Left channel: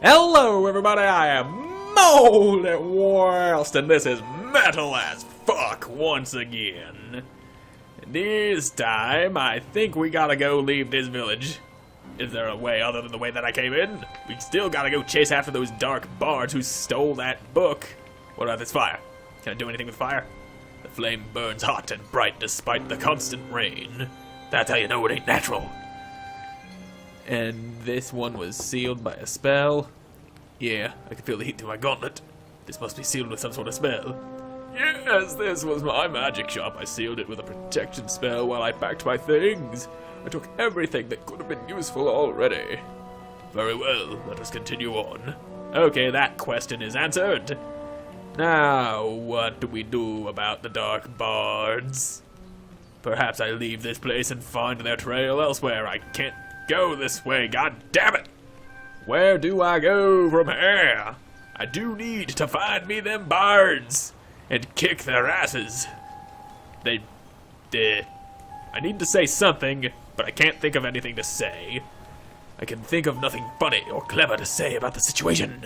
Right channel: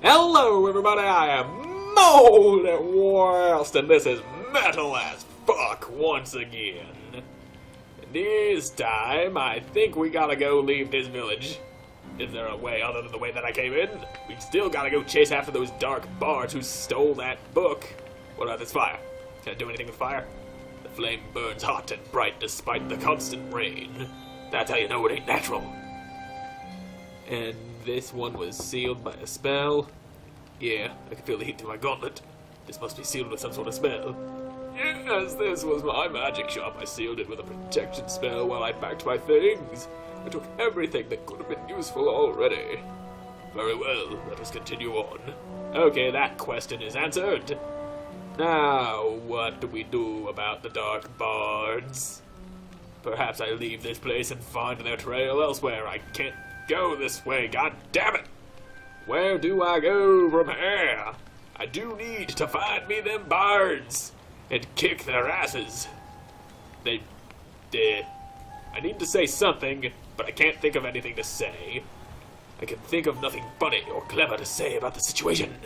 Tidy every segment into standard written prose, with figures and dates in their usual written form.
Hello everybody, I am Moldy and this is Metal as Fuck once again. This time, I think we gotta go leave this village. Is there a way other than the way that I came in? We still gotta go chase after those dark bards who stole that book. What about this fire? Can I do anything with fire? The flame burns hot and bright despite the constant rain. That's how you know it ain't natural. And this one was sealed by a spell. Yeah, I can feel the heat through my gauntlet. This must be sealed with some sort of spell. Yes, this was my magic shop. I sealed it with a protection spell while I packed my things. I took everything that could have been useful already. Very well, let us continue on. Okay, that question is answered. Now, what do we do about the dark bards? Perhaps I leave this place and find their trail elsewhere. I can't go this way, god damn it! Where do I go from here? I do need to find me them bards and kick their asses. I need to say something, but I can't think of anything to say. I can think of nothing funny or clever to say about the situation.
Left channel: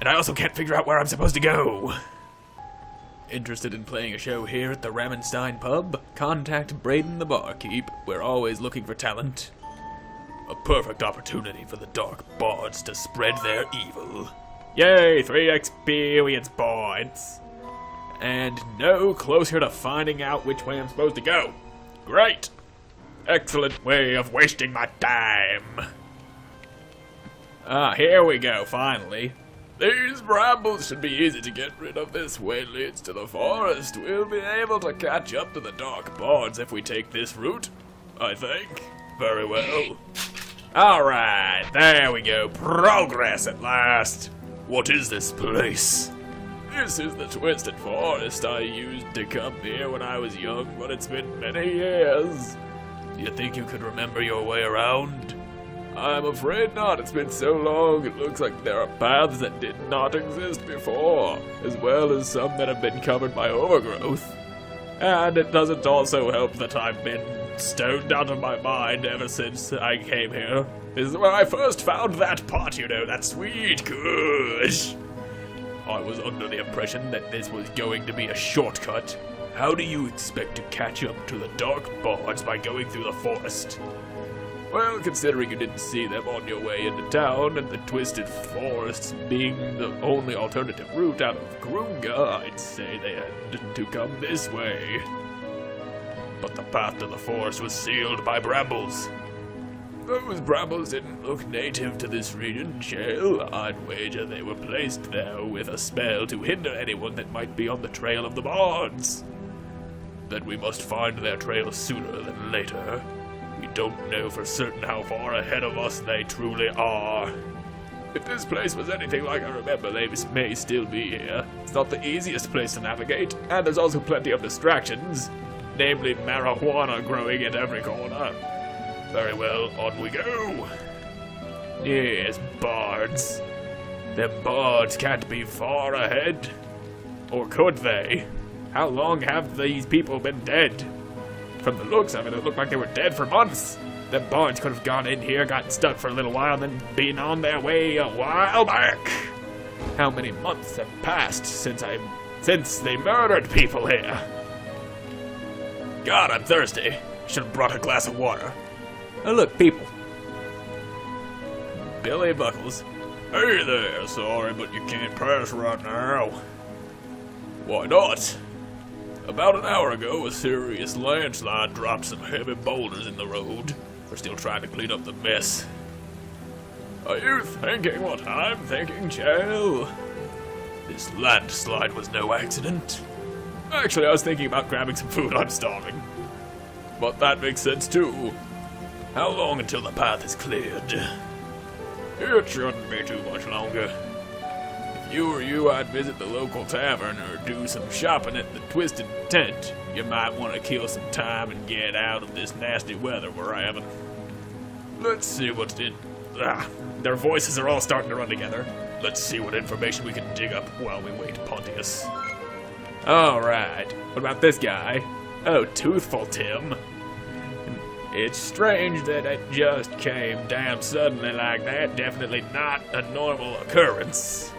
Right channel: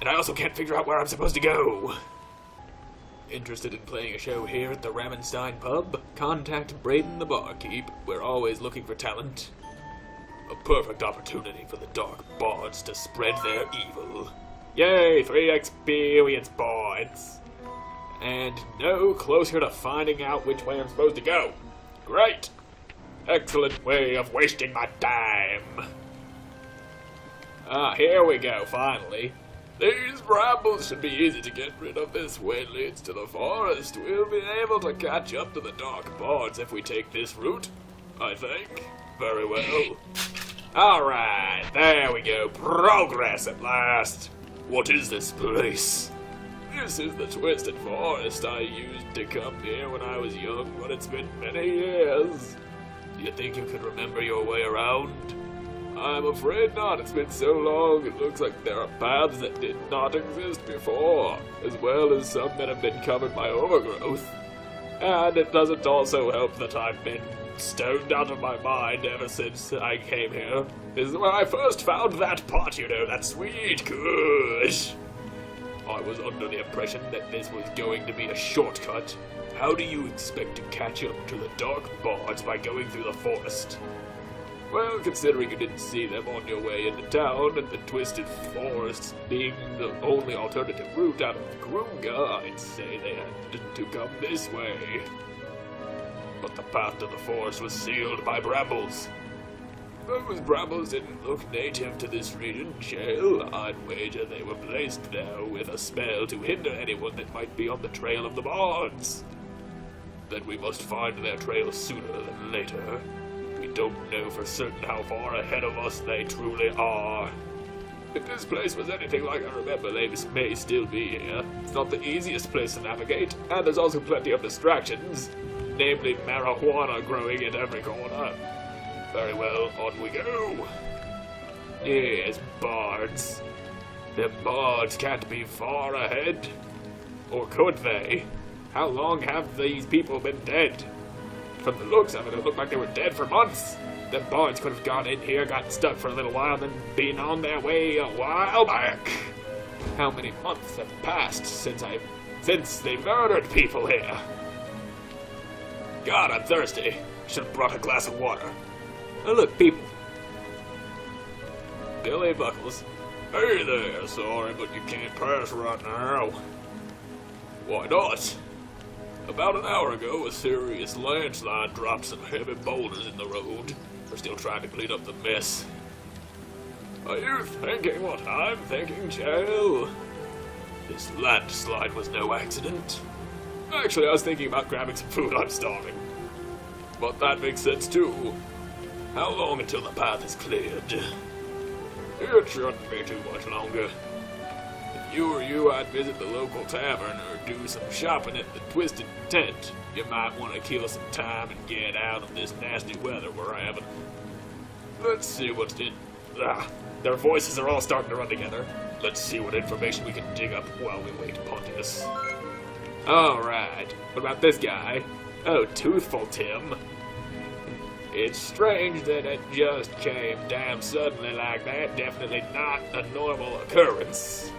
And I also can't figure out where I'm supposed to go. Interested in playing a show here at the Ramenstein pub? Contact Braden the barkeep. We're always looking for talent. A perfect opportunity for the dark bards to spread their evil. Yay, 3 experience points. And no closer to finding out which way I'm supposed to go. Great. Excellent way of wasting my time. Here we go, finally. These brambles should be easy to get rid of. This way leads to the forest. We'll be able to catch up to the dark bards if we take this route, I think. Very well. Alright, there we go. Progress at last. What is this place? This is the Twisted Forest. I used to come here when I was young, but it's been many years. Do you think you could remember your way around? I'm afraid not. It's been so long, it looks like there are paths that did not exist before, as well as some that have been covered by overgrowth. And it doesn't also help that I've been stoned out of my mind ever since I came here. This is where I first found that pot, you know, that sweet kush. I was under the impression that this was going to be a shortcut. How do you expect to catch up to the dark bards by going through the forest? Well, considering you didn't see them on your way into town, and the Twisted Forest being the only alternative route out of Grunga, I'd say they had to come this way. But the path to the forest was sealed by brambles. Those brambles didn't look native to this region, Shale. I'd wager they were placed there with a spell to hinder anyone that might be on the trail of the bards. Then we must find their trail sooner than later. We don't know for certain how far ahead of us they truly are. If this place was anything like I remember, they may still be here. It's not the easiest place to navigate, and there's also plenty of distractions, namely marijuana growing at every corner. Very well, on we go. Yes, bards. Them bards can't be far ahead. Or could they? How long have these people been dead? From the looks of it, it looked like they were dead for months. Them bards could have gone in here, got stuck for a little while, and then been on their way a while back. How many months have passed since they murdered people here? God, I'm thirsty. Should have brought a glass of water. Oh look, people. Billy Buckles. Hey there, sorry, but you can't pass right now. Why not? About an hour ago, a serious landslide dropped some heavy boulders in the road. We're still trying to clean up the mess. Are you thinking what I'm thinking, Chell? This landslide was no accident. Actually, I was thinking about grabbing some food. I'm starving. But that makes sense, too. How long until the path is cleared? It shouldn't be too much longer. If you were you, I'd visit the local tavern or do some shopping at the Twisted Tent. You might want to kill some time and get out of this nasty weather we're having. Let's see what's in... their voices are all starting to run together. Let's see what information we can dig up while we wait, Pontius. Alright, what about this guy? Oh, Toothful Tim. It's strange that it just came damn suddenly like that. Definitely not a normal occurrence.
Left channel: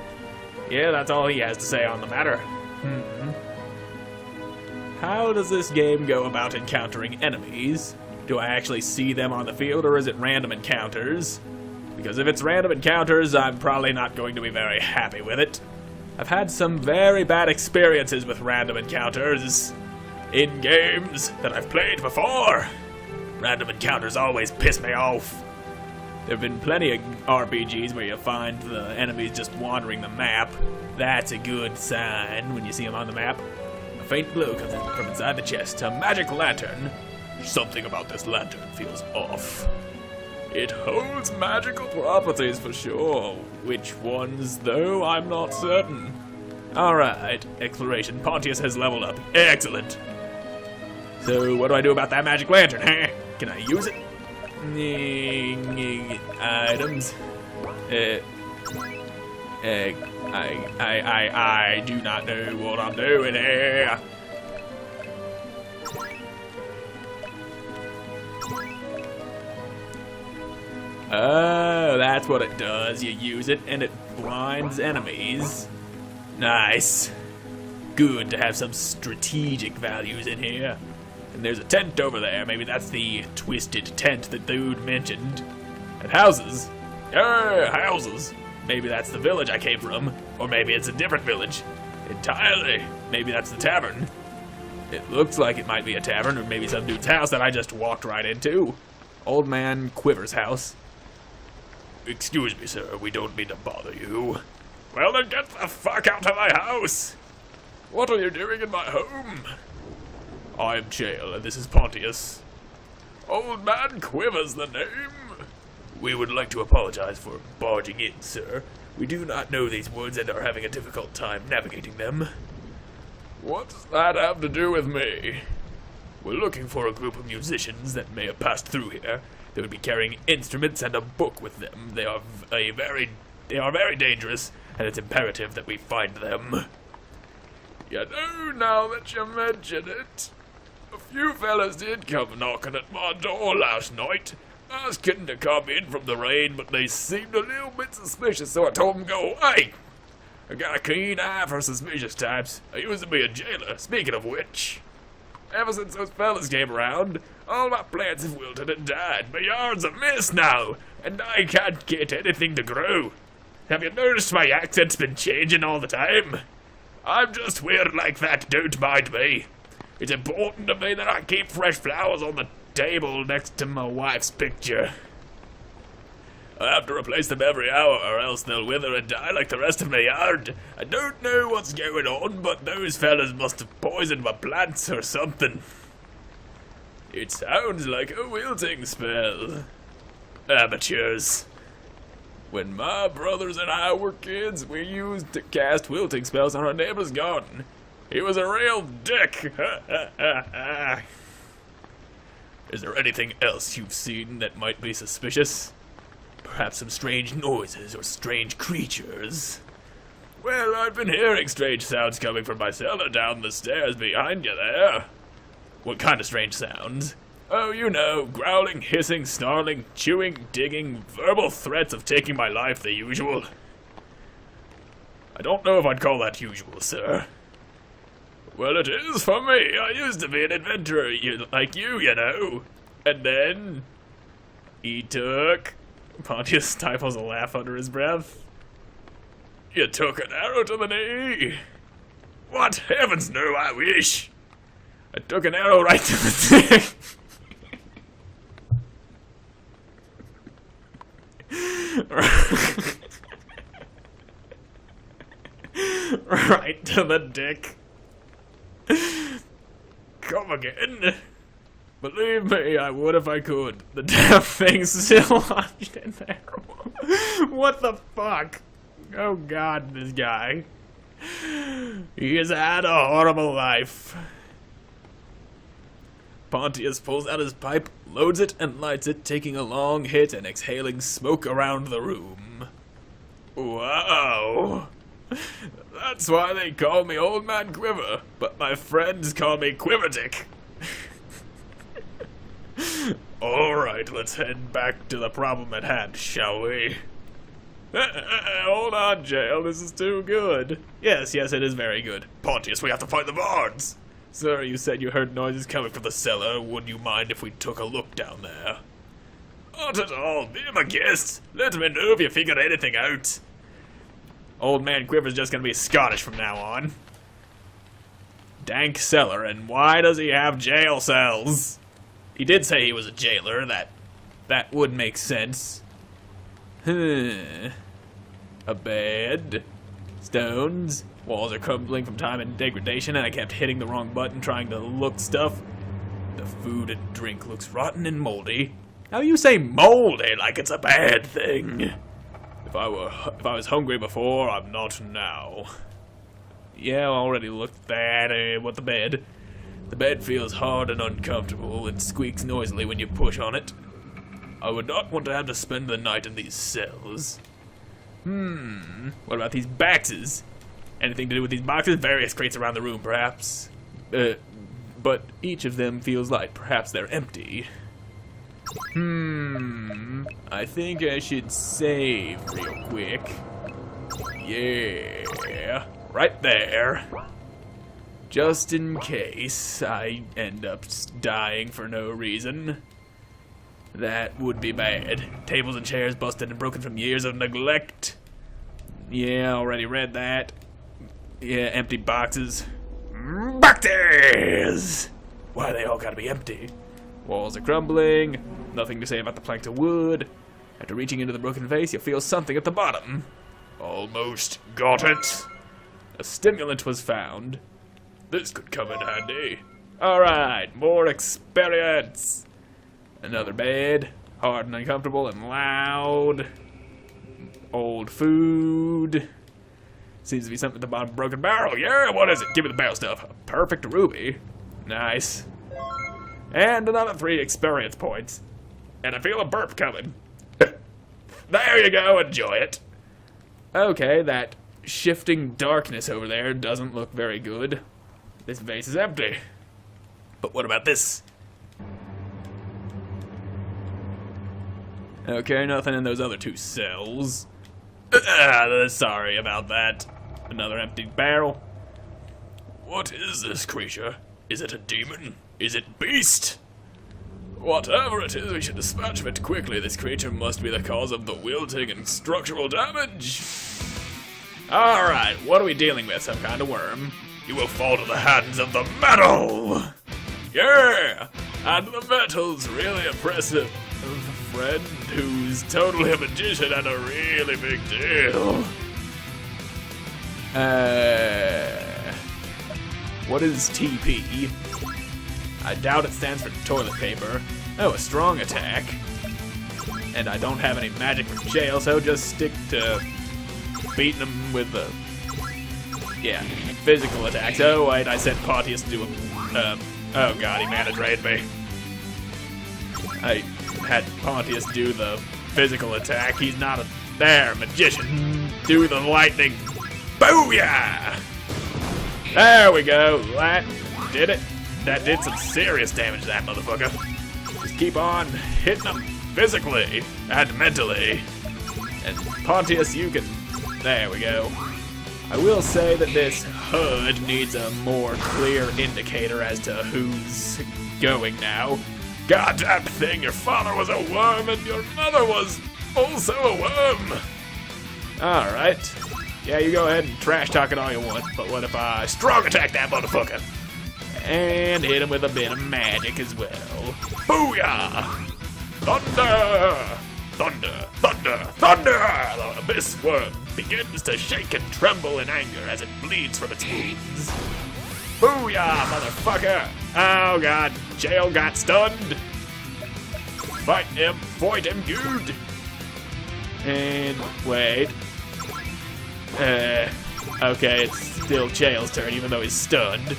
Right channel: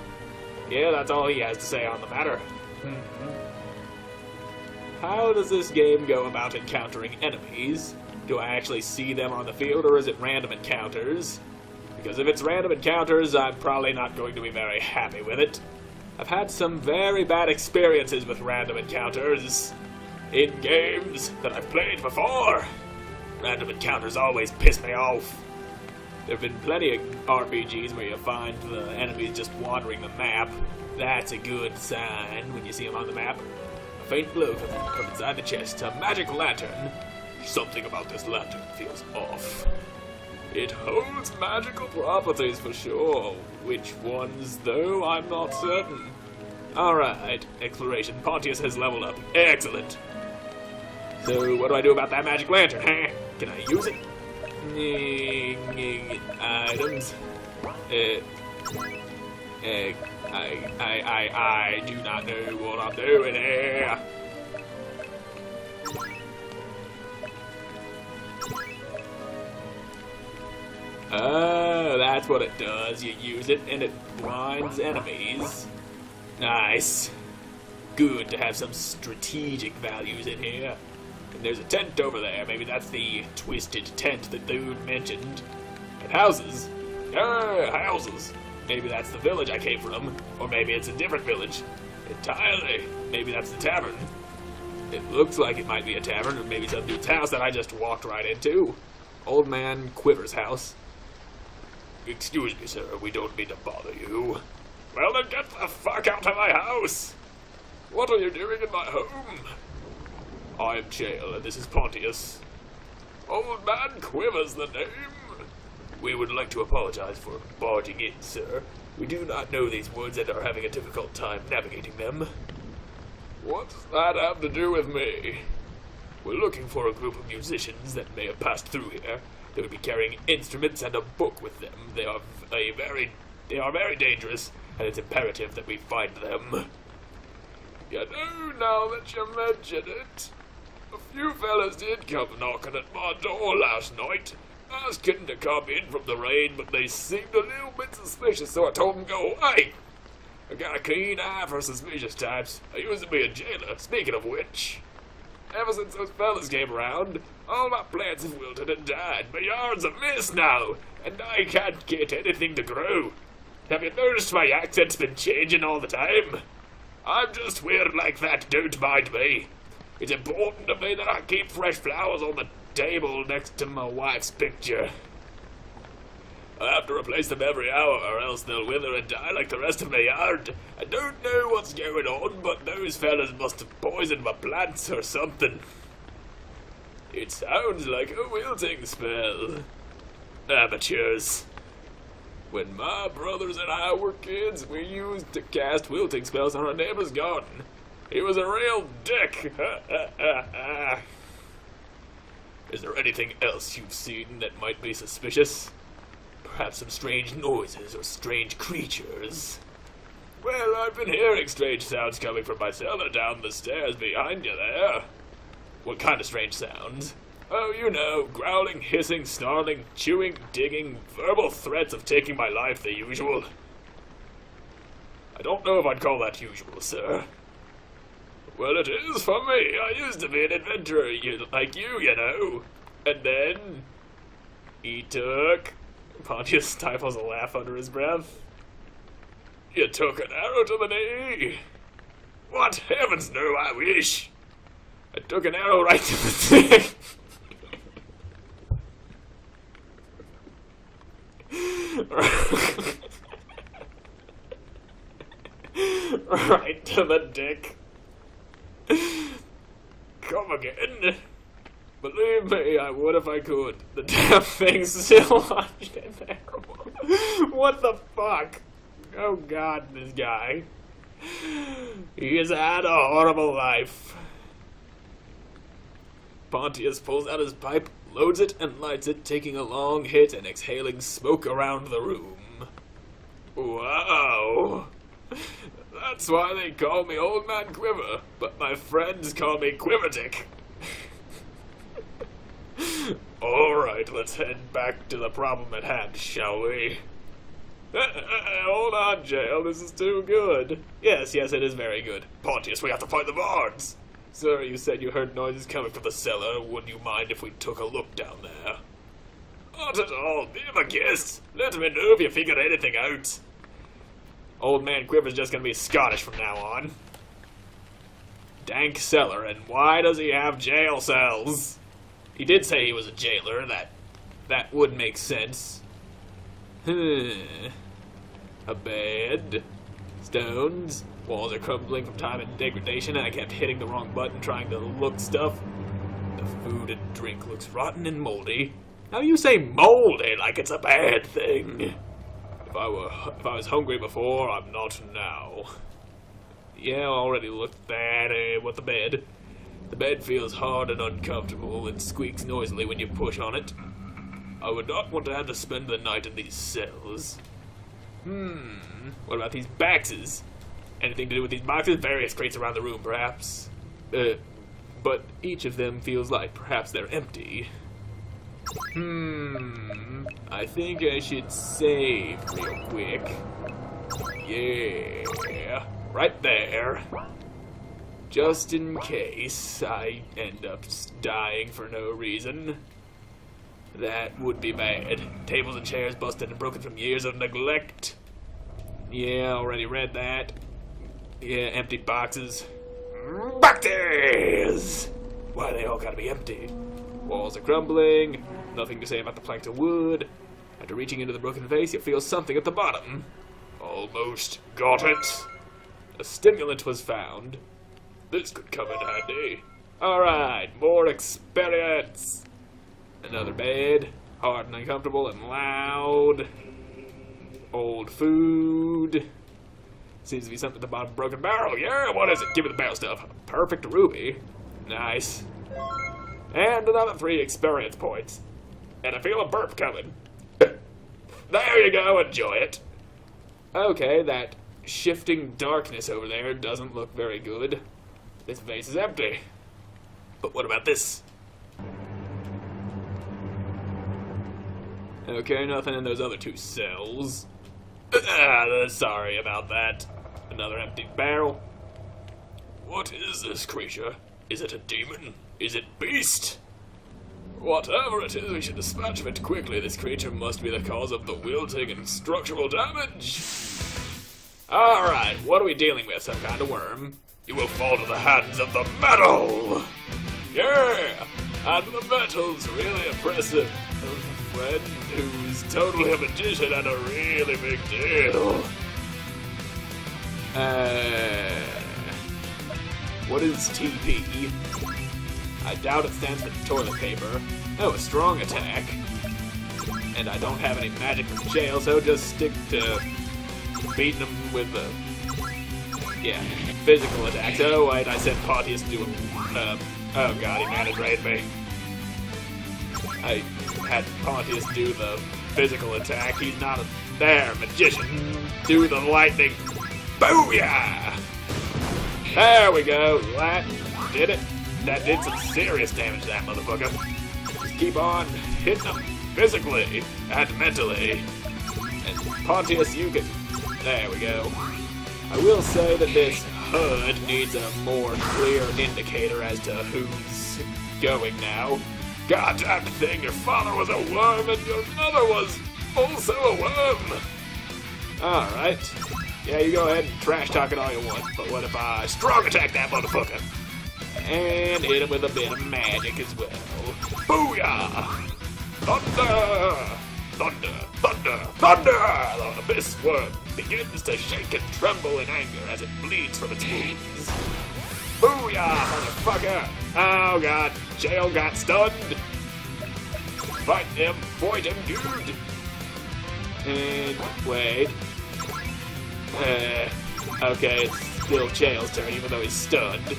Yeah, that's all he has to say on the matter. How does this game go about encountering enemies? Do I actually see them on the field, or is it random encounters? Because if it's random encounters, I'm probably not going to be very happy with it. I've had some very bad experiences with random encounters in games that I've played before. Random encounters always piss me off. There have been plenty of RPGs where you find the enemies just wandering the map. That's a good sign when you see them on the map. A faint glow comes from inside the chest. A magic lantern. Something about this lantern feels off. It holds magical properties for sure. Which ones, though, I'm not certain. Alright, exploration. Pontius has leveled up. Excellent. So, what do I do about that magic lantern, huh? Can I use it? Items. I do not know what I'm doing here. Oh, that's what it does. You use it and it blinds enemies. Nice. Good to have some strategic values in here. And there's a tent over there. Maybe that's the twisted tent that dude mentioned. And houses. Yeah, houses. Maybe that's the village I came from. Or maybe it's a different village. Entirely. Maybe that's the tavern. It looks like it might be a tavern, or maybe some dude's house that I just walked right into. Old man Quiver's house. Excuse me, sir. We don't mean to bother you. Well, then get the fuck out of my house! What are you doing in my home? I am Chael, and this is Pontius. Old man Quiver's the name. We would like to apologize for barging in, sir. We do not know these woods and are having a difficult time navigating them. What does that have to do with me? We're looking for a group of musicians that may have passed through here. They would be carrying instruments and a book with them. They are very dangerous, and it's imperative that we find them. You know, now that you mention it, a few fellas did come knocking at my door last night, asking to come in from the rain, but they seemed a little bit suspicious, so I told them go away. I got a keen eye for suspicious types. I used to be a jailer, speaking of which. Ever since those fellas came around, all my plants have wilted and died. My yard's a mess now, and I can't get anything to grow. Have you noticed my accent's been changing all the time? I'm just weird like that, don't mind me. It's important to me that I keep fresh flowers on the table next to my wife's picture. I have to replace them every hour, or else they'll wither and die like the rest of my yard. I don't know what's going on, but those fellas must have poisoned my plants or something. It sounds like a wilting spell. Amateurs. When my brothers and I were kids, we used to cast wilting spells on our neighbor's garden. He was a real dick. Is there anything else you've seen that might be suspicious? Perhaps some strange noises or strange creatures? Well, I've been hearing strange sounds coming from my cellar down the stairs behind you there. What kind of strange sounds? Oh, you know, growling, hissing, snarling, chewing, digging, verbal threats of taking my life, the usual. I don't know if I'd call that usual, sir. Well, it is for me. I used to be an adventurer like you know. And then he took... Pontius stifles a laugh under his breath. You took an arrow to the knee. What? Heavens no, I wish. I took an arrow right to the dick. Right to the dick. Come again. Believe me, I would if I could. The damn thing's still lodged in there. What the fuck? Oh god, this guy. He has had a horrible life. Pontius pulls out his pipe, loads it, and lights it, taking a long hit and exhaling smoke around the room. Wow. That's why they call me Old Man Quiver, but my friends call me Quiverdick. Alright, let's head back to the problem at hand, shall we? Hold on, Jail, this is too good. Yes, it is very good. Pontius, we have to find the bards. Sir, you said you heard noises coming from the cellar. Would you mind if we took a look down there? Not at all. Be my guest. Let me know if you figured anything out. Old man Quiver's just gonna be Scottish from now on. Dank cellar, and why does he have jail cells? He did say he was a jailer. That would make sense. A bed. Stones. Walls are crumbling from time and degradation, and I kept hitting the wrong button trying to look stuff. The food and drink looks rotten and moldy. How you say moldy like it's a bad thing? If I was hungry before, I'm not now. Yeah, I already looked at what the bed. The bed feels hard and uncomfortable and squeaks noisily when you push on it. I would not want to have to spend the night in these cells. What about these boxes? Anything to do with these boxes? Various crates around the room, perhaps. But each of them feels like perhaps they're empty. I think I should save real quick. Yeah, right there. Just in case I end up dying for no reason. That would be bad. Tables and chairs busted and broken from years of neglect. Yeah, already read that. Yeah, empty boxes. Boxes! Why they all gotta be empty? Walls are crumbling. Nothing to say about the planks of wood. After reaching into the broken vase, you'll feel something at the bottom. Almost got it. A stimulant was found. This could come in handy. Alright, more experience. Another bed. Hard and uncomfortable and loud. Old food. Seems to be something at the bottom of a broken barrel. Yeah, what is it? Give me the barrel stuff. A perfect ruby. Nice. And another 3 experience points. And I feel a burp coming. There you go, enjoy it. Okay, that shifting darkness over there doesn't look very good. This vase is empty. But what about this? Okay, nothing in those other 2 cells. Sorry about that. Another empty barrel. What is this creature? Is it a demon? Is it beast? Whatever it is, we should dispatch it quickly. This creature must be the cause of the wilting and structural damage. Alright, what are we dealing with? Some kind of worm. You will fall to the hands of the metal! Yeah! And the metal's really impressive. A friend who's totally a magician and a really big deal. What is TP? I doubt it stands for toilet paper. Oh, a strong attack. And I don't have any magic from jail, so just stick to beating them with the... yeah, physical attacks. Oh, wait, I said Pontius to do a... oh god, he managed me. I had Pontius do the physical attack. He's not a... there, magician. Do the lightning. Booyah! There we go. That did it. That did some serious damage to that motherfucker. Just keep on hitting him physically and mentally. And Pontius, you can... there we go. I will say that this HUD needs a more clear indicator as to who's going now. Goddamn thing, your father was a worm and your mother was also a worm. Alright. Yeah, you go ahead and trash talk it all you want, but what if I strong attack that motherfucker? And hit him with a bit of magic as well. Booyah! Thunder! Thunder! Thunder! Thunder! The abyss worm begins to shake and tremble in anger as it bleeds from its wounds. Booyah, motherfucker! Oh god, jail got stunned. Fight him, dude! And wait. Okay, it's still Jail's turn, even though he's stunned.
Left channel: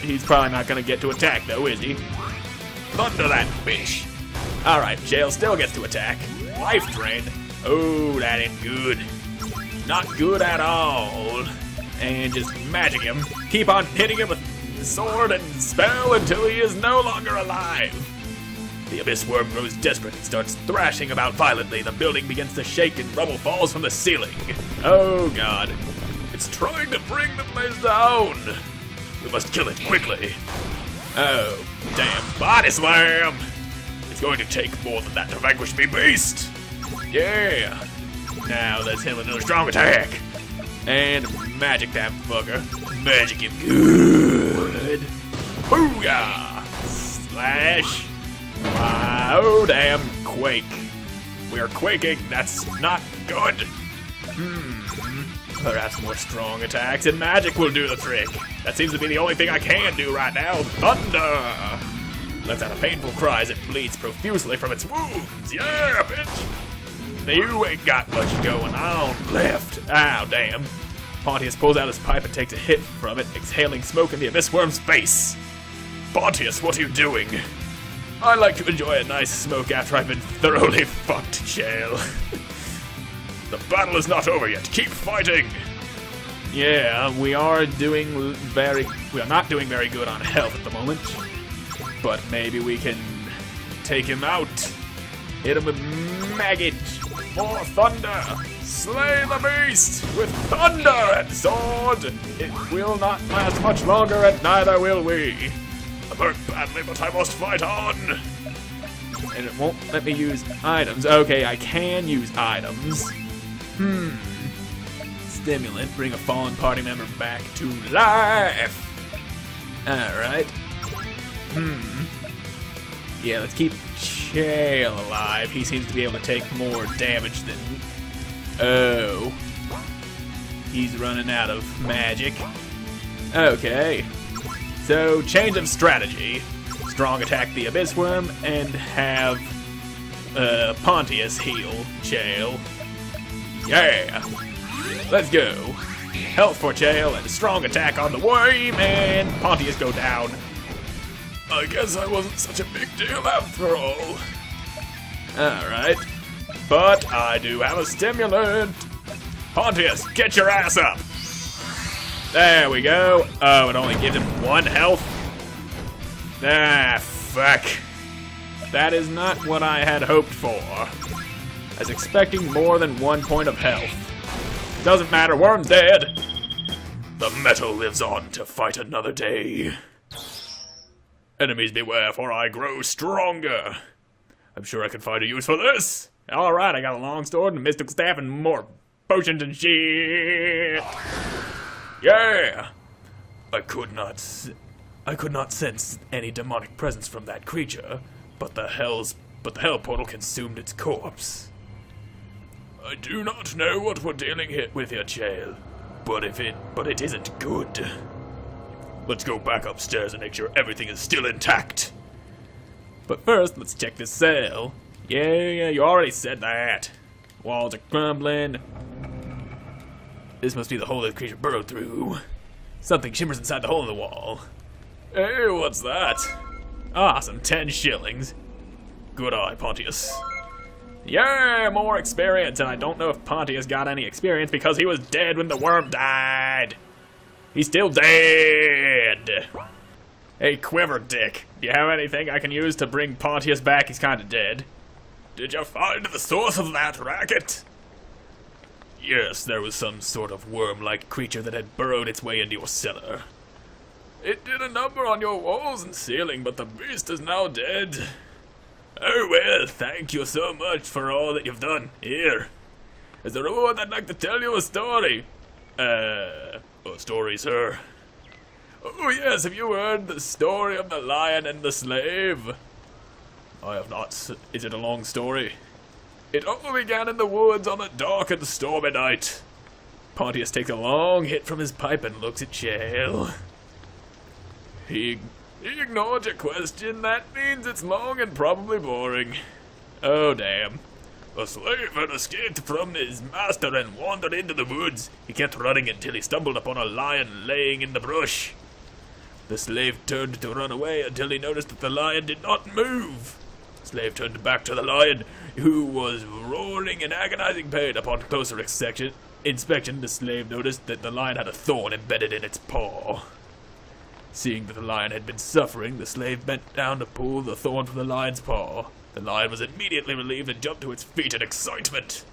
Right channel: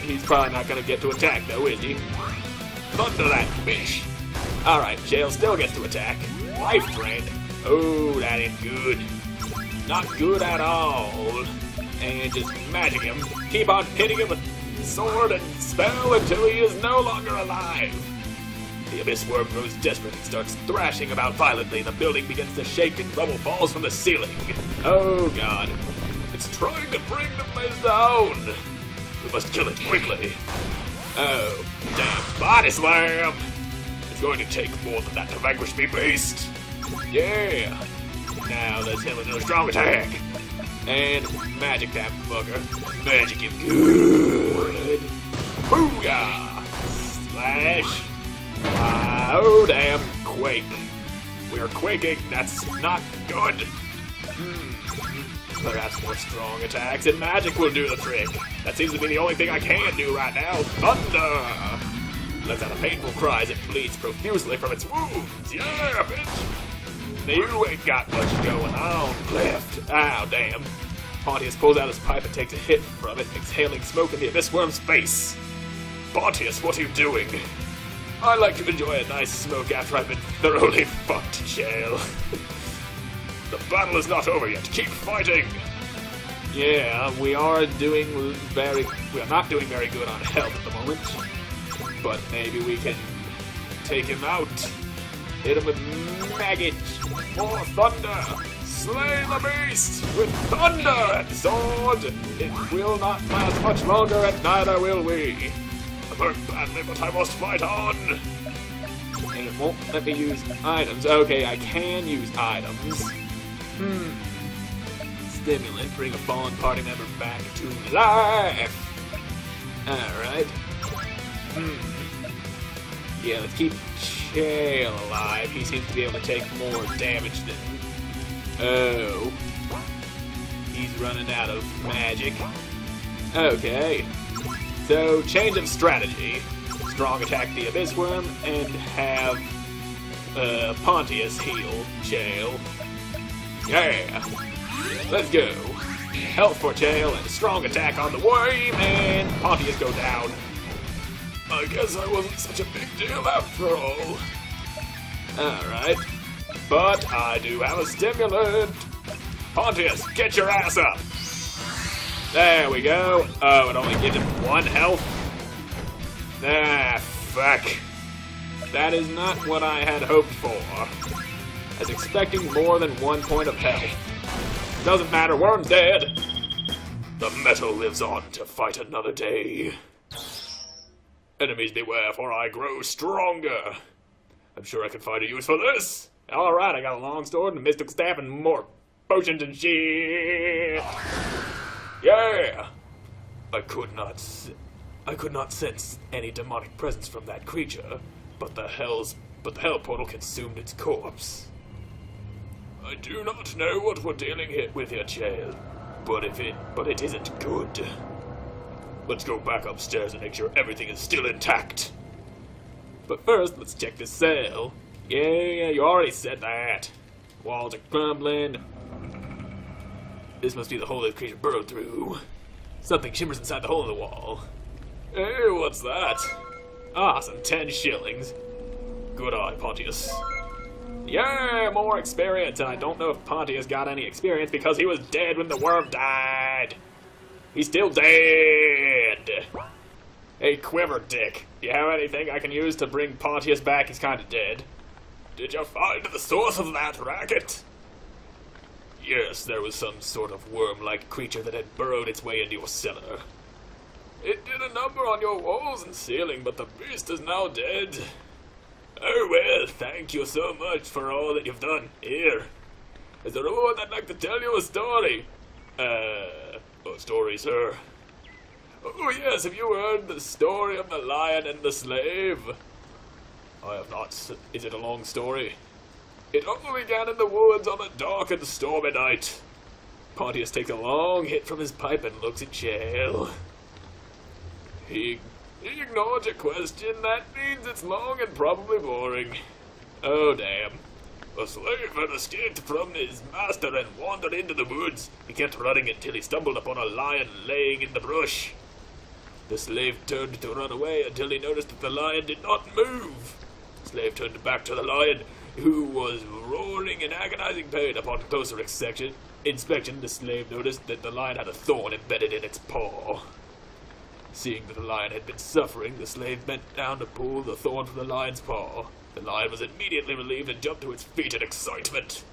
He's probably not gonna get to attack, though, is he? Thunder that bitch! Alright, Jail still gets to attack. Life drain. Oh, that ain't good. Not good at all. And just magic him. Keep on hitting him with sword and spell until he is no longer alive. The abyss worm grows desperate and starts thrashing about violently. The building begins to shake and rubble falls from the ceiling. Oh god. It's trying to bring the place down. We must kill it quickly. Oh, damn body slam! It's going to take more than that to vanquish me, beast. Yeah. Now let's hit him with another strong attack. And magic that fucker. Magic him good. Booyah! Slash. Oh damn, quake. We are quaking, that's not good. Perhaps more strong attacks and magic will do the trick. That seems to be the only thing I can do right now. Thunder! Lets out a painful cry as it bleeds profusely from its wounds. Yeah, bitch! You ain't got much going on left. Ow, damn. Pontius pulls out his pipe and takes a hit from it, exhaling smoke in the abyss worm's face. Pontius, what are you doing? I like to enjoy a nice smoke after I've been thoroughly fucked, Shale. The battle is not over yet. Keep fighting. Yeah, we are not doing very good on health at the moment. But maybe we can take him out. Hit him with maggot. More thunder. Slay the beast with thunder and sword. It will not last much longer, and neither will we. I'm hurt badly, but I must fight on. And it won't let me use items. Okay, I can use items. Stimulant, bring a fallen party member back to life. Alright. Yeah, let's keep Chael alive. He seems to be able to take more damage than... Oh. He's running out of magic. Okay. So, change of strategy. Strong attack the Abyss Worm and have Pontius heal Chael. Yeah! Let's go. Health for Chael and a strong attack on the worm, and Pontius go down. I guess I wasn't such a big deal after all. Alright. But I do have a stimulant. Pontius, get your ass up. There we go. Oh, it only gives him 1 health. Ah, fuck. That is not what I had hoped for. I was expecting more than 1 point of health. Doesn't matter, Worm's dead. The metal lives on to fight another day. Enemies beware, for I grow stronger. I'm sure I can find a use for this. Alright, I got a long sword and a mystical staff and more potions and shit. Yeah! I could not sense any demonic presence from that creature, but the hell portal consumed its corpse. I do not know what we're dealing with here, Chael, but it isn't good. Let's go back upstairs and make sure everything is still intact. But first, let's check this cell. Yeah, you already said that. Walls are crumbling. This must be the hole that the creature burrowed through. Something shimmers inside the hole in the wall. Hey, what's that? Ah, some 10 shillings. Good eye, Pontius. Yeah, more experience, and I don't know if Pontius got any experience because he was dead when the worm died. He's still dead. Hey, Quiver Dick, do you have anything I can use to bring Pontius back? He's kinda dead. Did you find the source of that racket? Yes, there was some sort of worm-like creature that had burrowed its way into your cellar. It did a number on your walls and ceiling, but the beast is now dead. Oh well, thank you so much for all that you've done. Here, as a reward, I'd like to tell you a story. What story, sir? Oh yes, have you heard the story of the lion and the slave? I have not. Is it a long story? It all began in the woods on a dark and stormy night. Pontius takes a long hit from his pipe and looks at Chael. He ignored your question. That means it's long and probably boring. Oh, damn. A slave had escaped from his master and wandered into the woods. He kept running until he stumbled upon a lion laying in the brush. The slave turned to run away until he noticed that the lion did not move. The slave turned back to the lion, who was roaring in agonizing pain. Upon closer inspection, the slave noticed that the lion had a thorn embedded in its paw. Seeing that the lion had been suffering, the slave bent down to pull the thorn from the lion's paw. The lion was immediately relieved and jumped to its feet in excitement.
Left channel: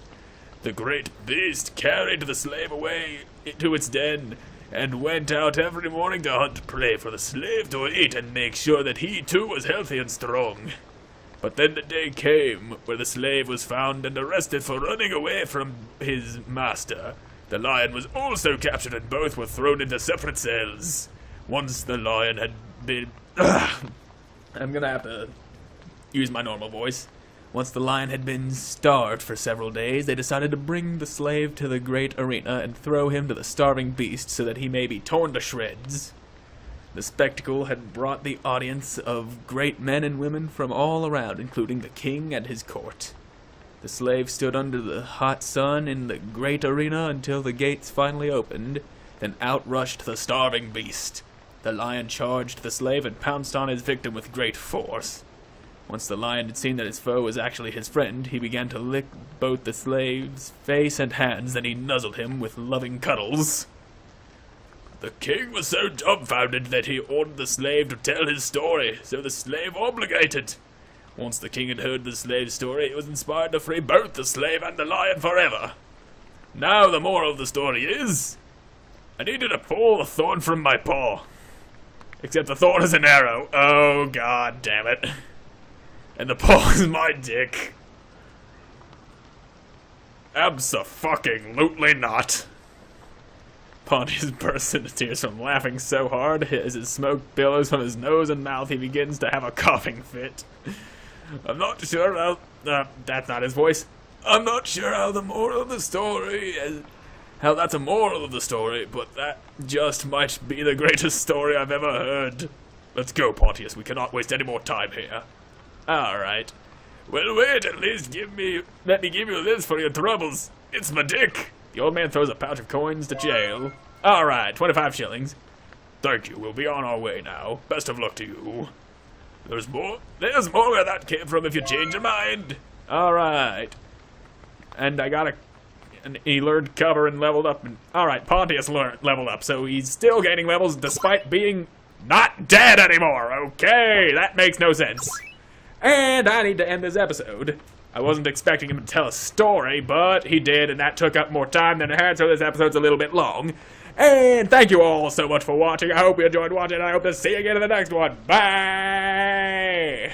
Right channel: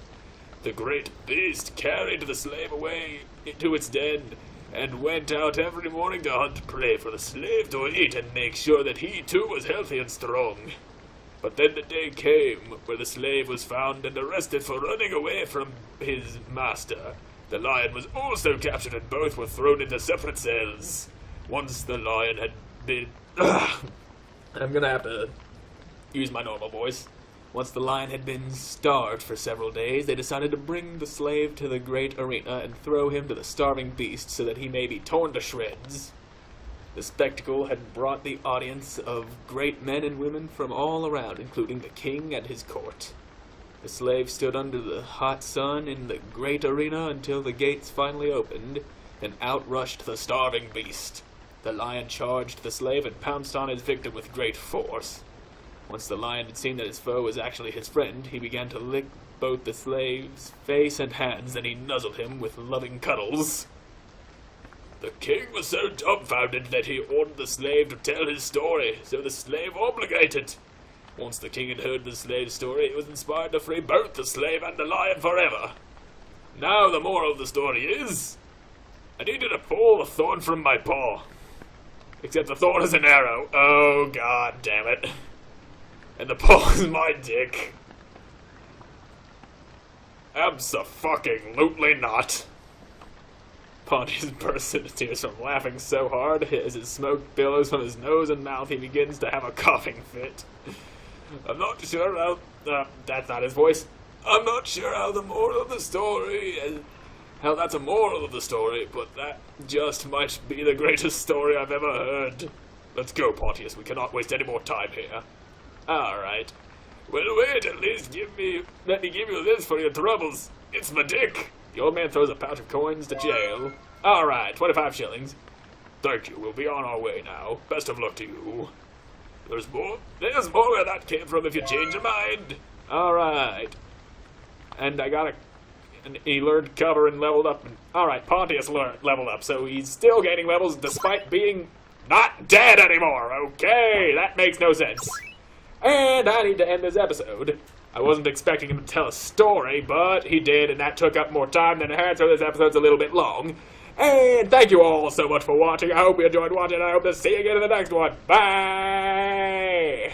The great beast carried the slave away to its den and went out every morning to hunt prey for the slave to eat and make sure that he too was healthy and strong. But then the day came where the slave was found and arrested for running away from his master. The lion was also captured and both were thrown into separate cells. Once the lion had been... I'm gonna have to use my normal voice. Once the lion had been starved for several days, they decided to bring the slave to the great arena and throw him to the starving beast so that he may be torn to shreds. The spectacle had brought the audience of great men and women from all around, including the king and his court. The slave stood under the hot sun in the great arena until the gates finally opened, and out rushed the starving beast. The lion charged the slave and pounced on his victim with great force. Once the lion had seen that his foe was actually his friend, he began to lick both the slave's face and hands, then he nuzzled him with loving cuddles. The king was so dumbfounded that he ordered the slave to tell his story, so the slave obligated. Once the king had heard the slave's story, he was inspired to free both the slave and the lion forever. Now the moral of the story is, I needed to pull the thorn from my paw. Except the thorn is an arrow. Oh, god damn it. And the paw is my dick. Abso-fucking-lutely not. Pontius bursts into tears from laughing so hard as his smoke billows from his nose and mouth. He begins to have a coughing fit. I'm not sure how... that's not his voice. I'm not sure how the moral of the story is... How that's a moral of the story, but that just might be the greatest story I've ever heard. Let's go, Pontius. We cannot waste any more time here. Alright. Well, wait, at least let me give you this for your troubles. It's my dick. The old man throws a pouch of coins to jail. Alright, 25 shillings. Thank you, we'll be on our way now. Best of luck to you. There's more where that came from if you change your mind. Alright. And I got and he learned cover and leveled up. Alright, Pontius leveled up, so he's still gaining levels despite being not dead anymore. Okay, that makes no sense. And I need to end this episode. I wasn't expecting him to tell a story, but he did, and that took up more time than it had, so this episode's a little bit long. And thank you all so much for watching. I hope you enjoyed watching, and I hope to see you again in the next one. Bye!